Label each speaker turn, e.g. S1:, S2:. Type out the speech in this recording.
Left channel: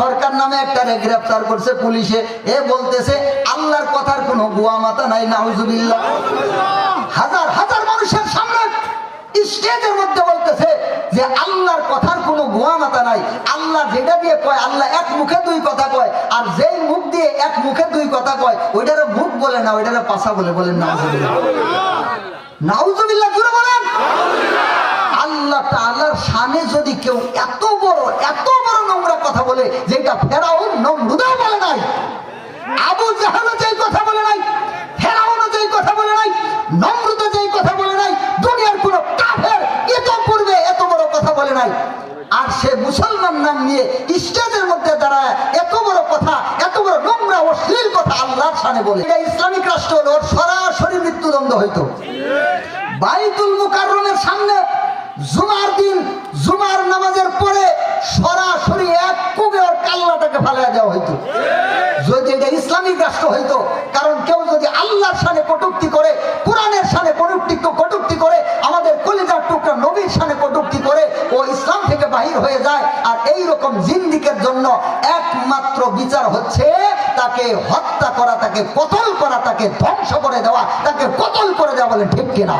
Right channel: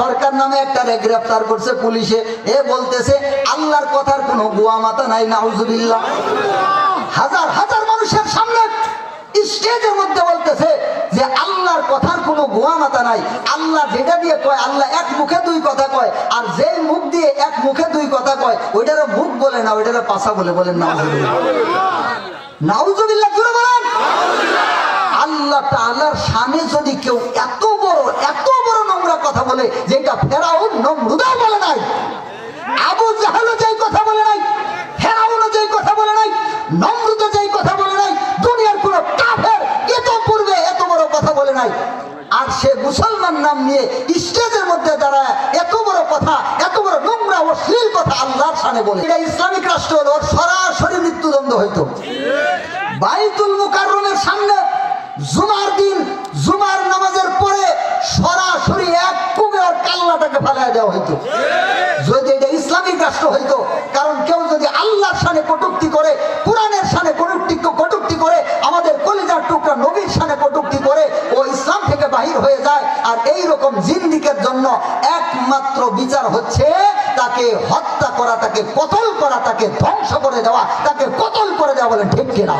S1: সরকার নামে একটা রে গ্রেফতার করছে পুলিশে। এ বলতেছে, আল্লাহর কথার কোনো গুয়া মাথা নাই, নাউজুবিল্লাহ। হাজার হাজার মানুষের সামনে স্টেজের মধ্যে বলতেছে যে আল্লাহর কথার কোনো গোয়া মাথা নাই। আল্লাহ যেটা দিয়ে কয়, আল্লাহ এক মুখে দুই কথা কয়, আর যেই মুখ দিয়ে এক মুখে দুই কথা কয়, ওইটারে মুখ বলে না, ওইটারে পাশা বলে, বলেন নাউজুবিল্লাহ। নাউজুবিল্লাহ জুড়ে বলেন। আল্লাহ তাআলার সামনে যদি কেউ এত বড়, এত কথা বলে, যেটা ফেরাউন নমরুদাও বলে নাই। আবু জাহালও যেই কথা বলে নাই, ফেরাউনও যেই কথা বলে নাই, নমরুদও যেই কথা বলে নাই, দুনিয়ার কোন কাফের এত পূর্বে এত বড় কথা বলে নাই। আর সে মুসলমান নাম নিয়ে স্টেজের মধ্যে দাঁড়ায়, এত বড় কথা, এত বড় নোংরা অশ্লীল কথা আল্লাহর সামনে বলে। এটা ইসলামিক রাষ্ট্র হলো সরাসরি মৃত্যুদণ্ড হইতো। বাইতুল মুকাররমের সামনে কাল্লাটাকে দেওয়া হইতো। যদি এটা ইসলামিক রাষ্ট্র হইতো, কারণ কেউ যদি আল্লাহর সানে কটুক্তি করে, কোরআনের সানে কটুক্তি কটুক্তি করে, আমাদের কলিজার টুকরা নবীর সানে কটুক্তি করে, ও ইসলাম থেকে বাহির হয়ে যায়, আর এই রকম জিন্দিকের জন্য একমাত্র বিচার হচ্ছে তাকে হত্যা করা, তাকে কতল করা, তাকে ধ্বংস করে দেওয়া, তাকে কতল করে দেওয়া বলেন ঠিক কিনা?